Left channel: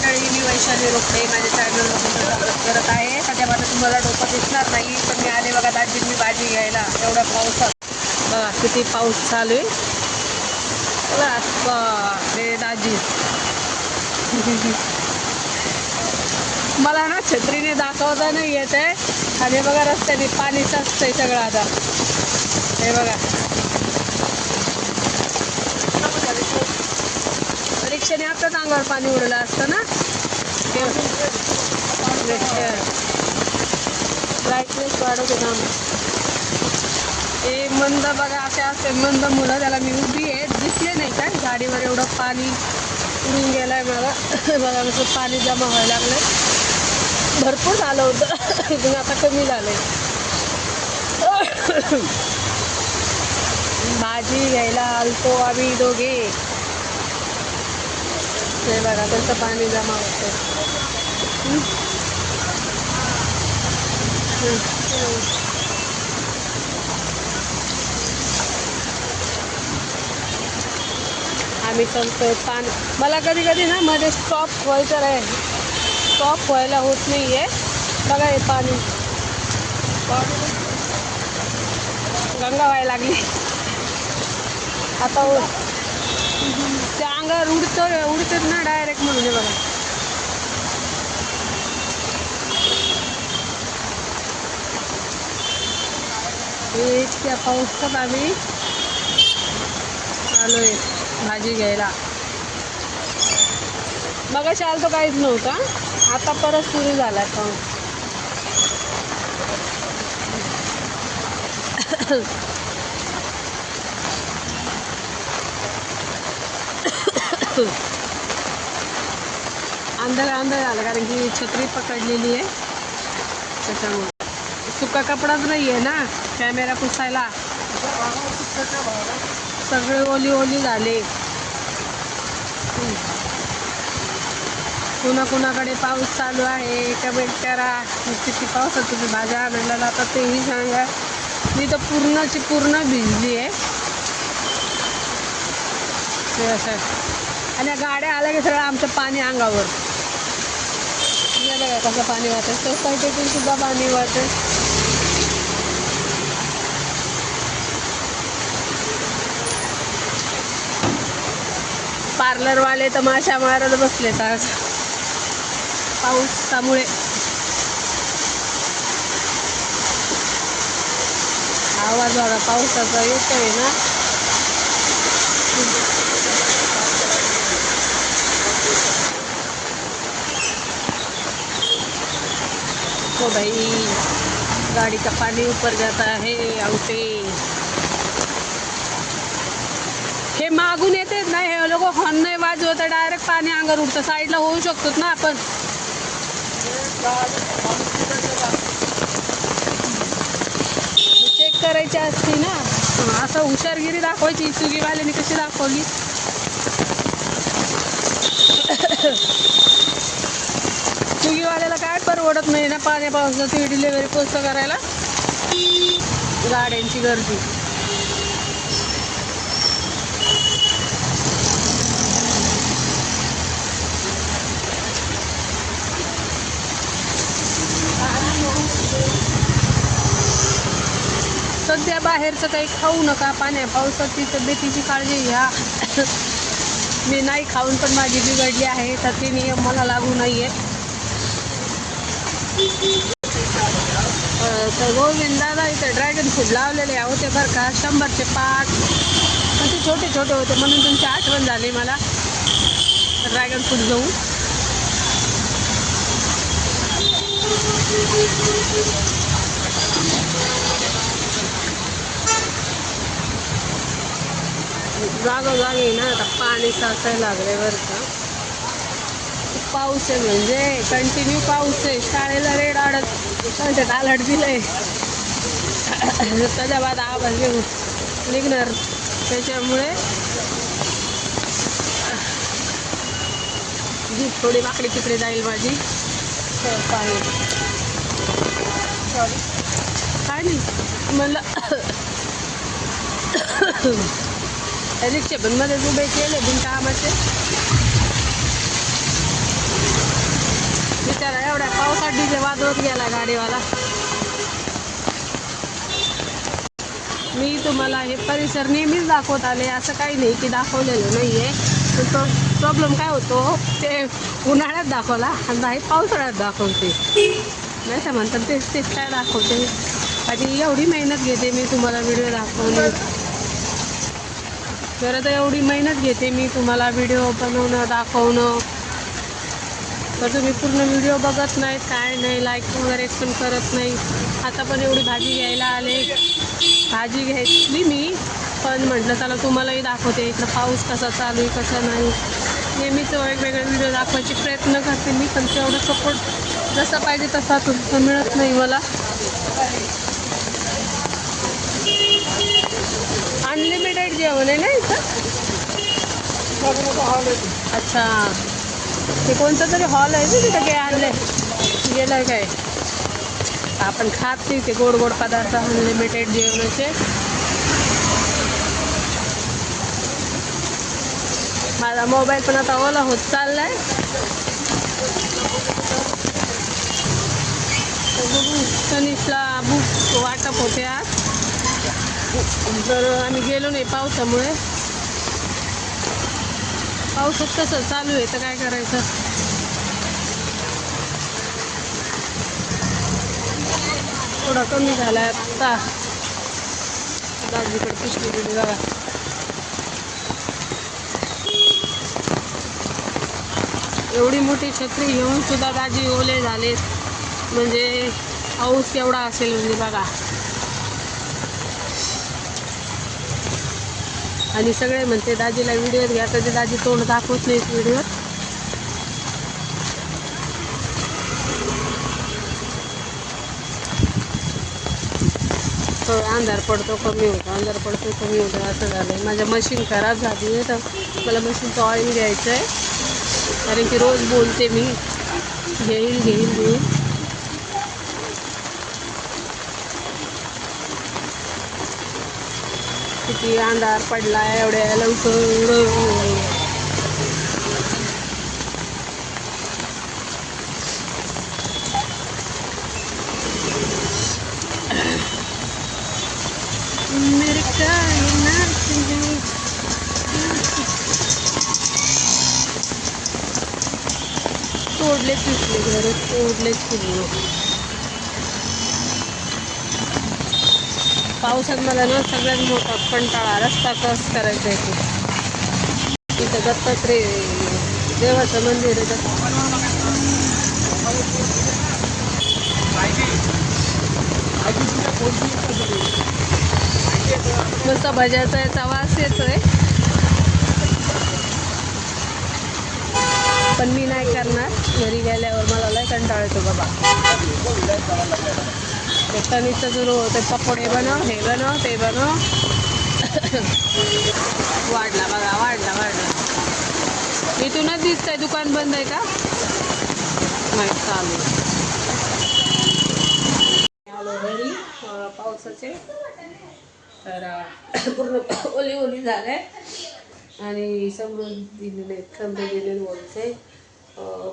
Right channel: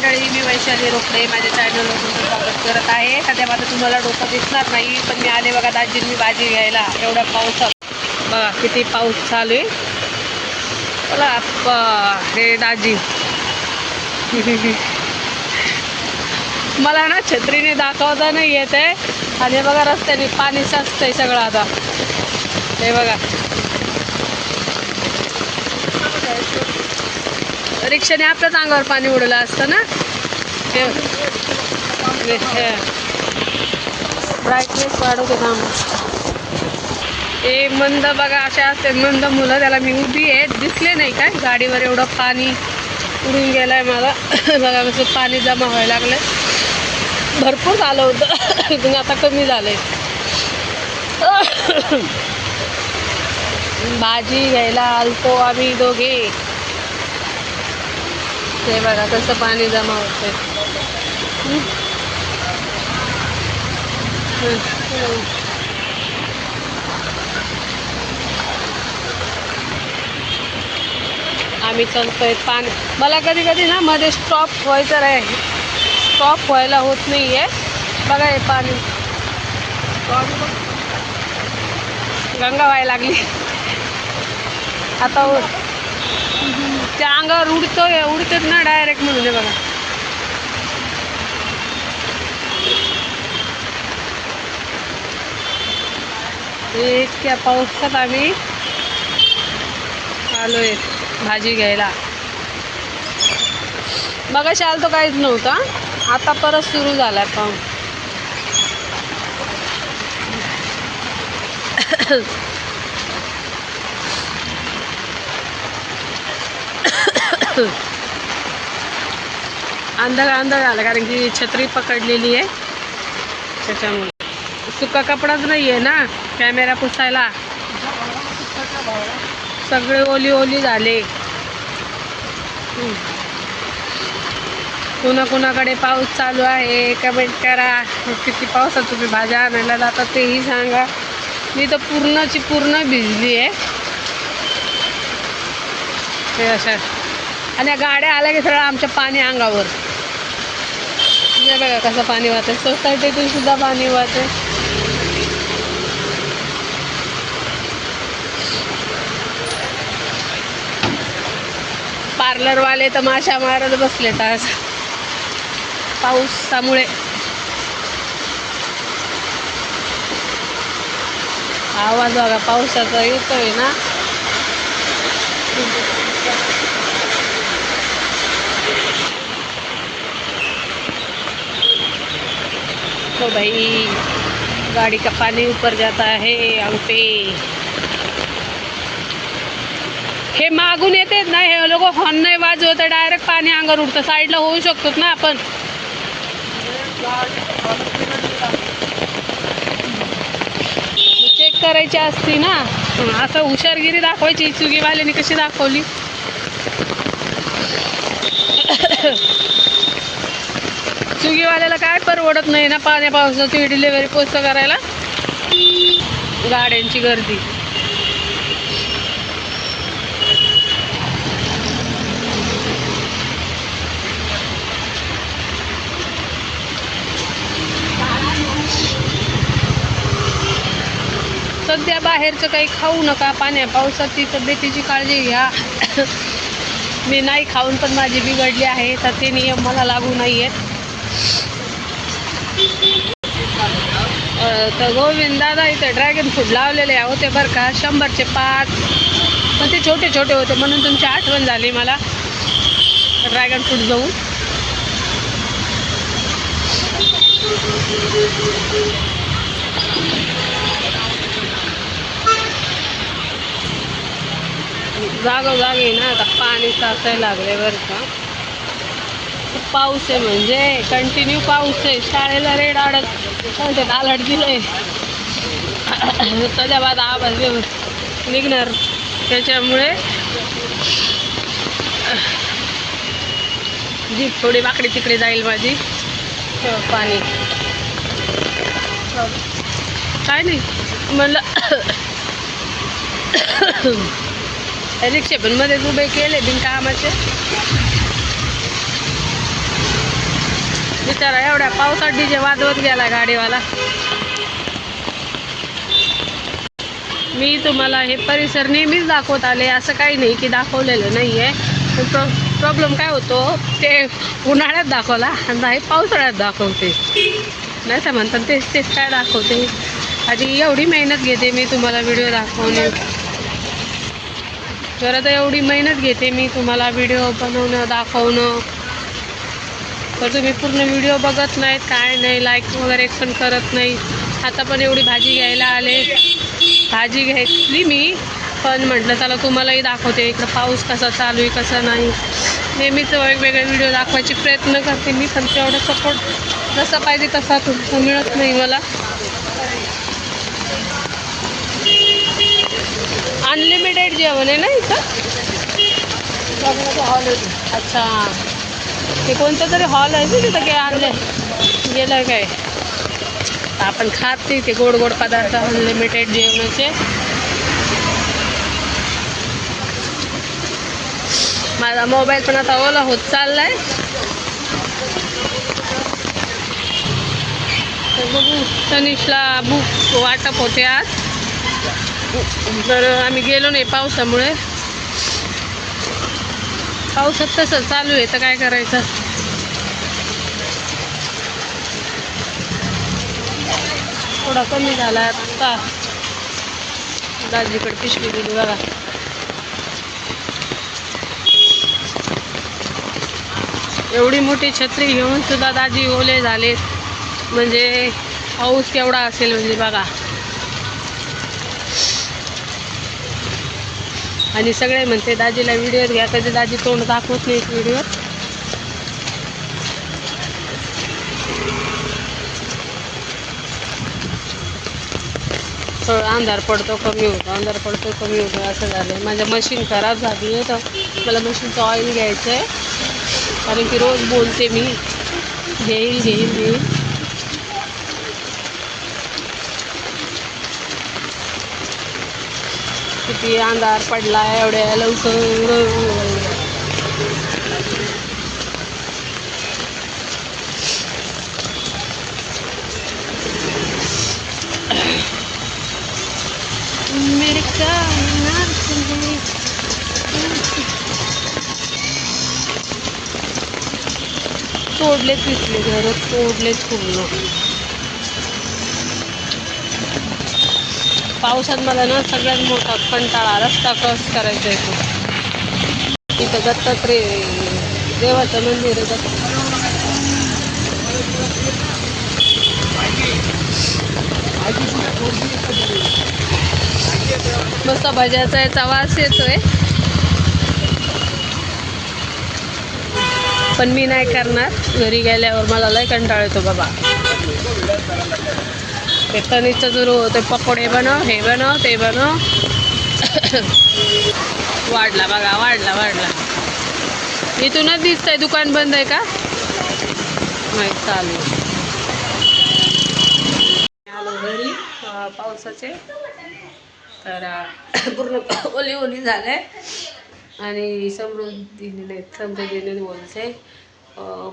मंडळी, मी वैशाली रोकडे माझ्या चॅनलवर तुमचं स्वागत करत आहे. सध्या माझं तुम्हाला डोकं दिसणार नाही, पण मी आले बघा दाजींनी भाजी घ्यायला. एवढा पावसात बघा किती पाऊस चालू आहे. चला हे दाजी मला ना छत्रीने दाखवता नाही येत आहे. आणि बघा रस्त्याने पाणी साचतंय सगळं. आता हे बघा रिक्षाने आपल्याच अंगावर पाणी उडलं असतं ना. ब्राईटनेस वाढवतो ना. हे मंद बघा असे असते मंद मुलं. त्याला मी उभी आहे, दिसले नाही काय गाडीवर एवढं पाणी उडून गेलंय मला. बघा कसं पाणी जमा व्हायला लागलं. भरपूर झालं होतं पण आता कमी झालंय. भाजी घ्यायला आलतो आम्ही दोघे. हे बघा कसं पाणी जमा होतंय. आम्ही चालतोय. पाणी मला कधी कधी ना मध्ये स्टॉप व्हायचं आहे, स्टॉप व्हायला होत नाही आहे. बघा हे पाणी गंगा व्हायला लागली आता. त्या अंगावर उडतात ना डायरेक्ट म्हणून. हे बघा इतक्या पावसात आम्ही आलोय भाजी घ्यायला. मगाशी आलं तर काहीच नव्हता, आता परत सुरू झालाय पाऊस. अंधार झाला कारण की छत्री पकडलेली आहे त्याच्यामुळे. सुका कपडाच नाही आहे ना कॅमेरा पुसायला. सगळे ओली झाले. कुणाकडे पाऊस चालू आहे कमेंट करा. किती पावसात तुम्ही भाज्या आणायला जाता तेही सांगा. मी तर पूर्ण भिजली आहे ते अशा. आणि गाड्या आल्या की सगळं आमच्या पाणी अंगावर. हे बघा कसं पाणी वाहतंय. सोसायटीतून सुद्धा पाणी वाहतंय. पार्लरवाले तर माशा मारत बसले आज पावसामुळे. आवाज बघा पावसाचा येतोय ना. तो भाई गाड़ी का पानी ऊपर जाता है आंगते. हे मागून येतेच ना हे लोक. हॉर्न नाही वाजवत, डायरेक्ट पाणी अंगावर उडतं. साईडला होऊ शकतो ना आपण. चेक करायची असती ना. असं हुशारगिरी दाखवायची. स्विगीवाल्याने कशी दाखवली. स्विगीवाल्याला काय परवडत नाही ना पाण्या पावसाची डिलिव्हरी पोस्ट करायला. गाड्यांची गर्दी. सध्या बाहेरचं काही खाऊ नका. पाण्या पावसाची तब्येतीची काळजी घ्या. मी नाही खाऊन पण माझी बिघडली आहे, तर ते नियम मला लागू नाही आहेत. तर गोविंद दादा इथे ड्रॅगन फ्रूट लावलेले होते बरं का. 100चे 5. पण ते छोटे होते म्हणून तुमची आठवण झाली मला ड्रॅगन फ्रूट जाऊन. जागोजागी ना आता पाणी साचायला लागले बरं का. पाऊस आहे म्हणजे कंटिन्यू पाऊस आहे. शाळेला रेड अलर्ट दिलंय. त्याच्या बाद आवाज निघणार त्याच्यामुळे जीप थोडी वाकडी तिकडे जाईल माझी. पाणी काय नाही म्हणलं. रिक्षे पण मध्येच उभे केले बिनकामाचे. बिचारा एवढ्या पावसात डीजे वाजवत गेला गाडीवाला. मी तुम्हाला हे परिसर नेहमीच दाखवत आले, असं काही नाही की दाखवलेलं नाही आहे. पण प्रॉब्लेम काय होतो, ते उन्हाळ्यात दाखवला आणि नाही पावसाळ्यात दाखवते, नाही तर म्हणतात तेच काय दाखवते. आधी एवढी मेहनत घेते मी तुम्हाला व्हिडिओ दाखवणे, खरं तर एवढी मेहनत घेते मी तुम्हाला व्हिडिओ बनवणं दाखवणं, तर तुम्ही पूर्ण व्हिडिओ बघत नाहीत, काय नाही, लाईक वगैरे पण करत नाही. आता पण एवढी भाजी घ्यायला आले, भाजी घेतली मी, पण म्हटलं चला तुम्हालाही दाखवते इकडं पाऊस कसा चालू आहे कसा नाही. नेहमीच वेगवेगळे व्हिडिओ दाखवायचे प्रयत्न करते मी, पण तेवढं सपोर्ट जसा पाहिजे तसा तुमचा मिळत नाही मला. अनलिमिटेड जेवण आहे ना इथं. हॉल आहे. अच्छा, ते कोणतं तरी हॉल आहे ना तिथं, काय आणलं गेलं काय. आपण खात नाही ते गोड गोड पदार्थ अनलिमिटेड जेवणाचे. माझा मोबाईल पण आता ओला होत चाललाय, तर बघू. तनिषला बुक वाटप होते आज, तर आम्ही गेलो नाही पावसामुळे. पावसात तसं चालू आहे तर काय करायचं. थोडा कमी झाला आता. दाजीकडे पिशवी दिली बघा. एवढी मोठी छत्री घेऊन सुद्धा दाजी ओले झालेत, म्हणजे पाऊस केवढा असेल म्हणजे बघा. आणि सगळे म्हणते दाजीला व्हिडिओ घ्या, तर ते दाजी तोंड दाखवत नाहीत व्हिडिओत. थोडं अंधार पडतो कमी होतो, अंधार पडतो कमी होतो, असं झालं आहे. माझ्या मशीन खराब झाली आहे, तर मला मशीनचं ऑइल घ्यायचं आहे, कारण की रोज बोलते मी घेईल घेईल घेईल. किती अंधार पडला एवढ्या लवकर. मेरे तोडलेच दिसले घर, तोडलेच पूर्ण. पावसात मला ना सगळ्यात मोठा कंटाळा रस्ता क्रॉस करायचा आहे तो. इथं दत्तात्रय देवाचं मंदिर आहे. मस्त भज्याचा याचा वास येतोय, पण मी नाही करणार. घरी गेल्यावर मला लय कंटाळा येतो बाबा. ते तनिषचं सुरू होतं, पकोडे बनव, हे बनव, ते बनव. वाढला बघा, वाढला वाढला. इथूनच दिसतंय दुकान बंद आहे का, नाही चालू. आलो घरी पावसाचे, तर पूर्ण ओली ओली झाले. आणि समृद्धीने बोलते.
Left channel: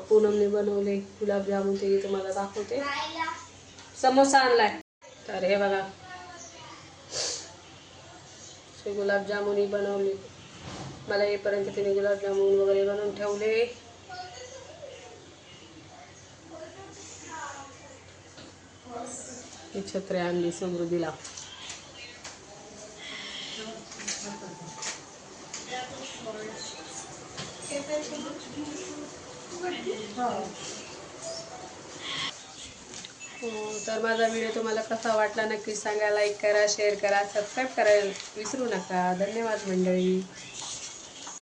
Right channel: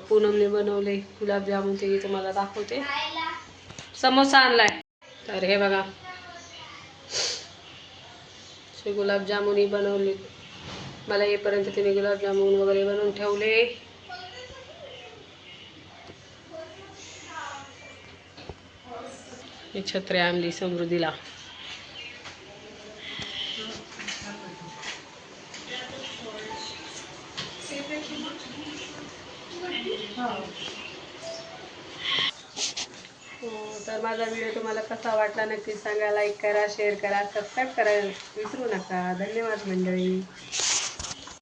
पूनमने बनवले गुलाबजामुन, ते तुम्हाला दाखवते. समोसा आणलाय, तर हे बघा गुलाबजामुनही बनवले. मला येईपर्यंत तिने गुलाबजामुन वगैरे बनवून ठेवले. ही छत्री आणली समृद्धीला. तर माझा व्हिडिओ तुम्हाला कसा वाटला नक्की सांगा. लाईक करा, शेअर करा, सबस्क्राईब करायला विसरू नका. धन्यवाद मंडळी.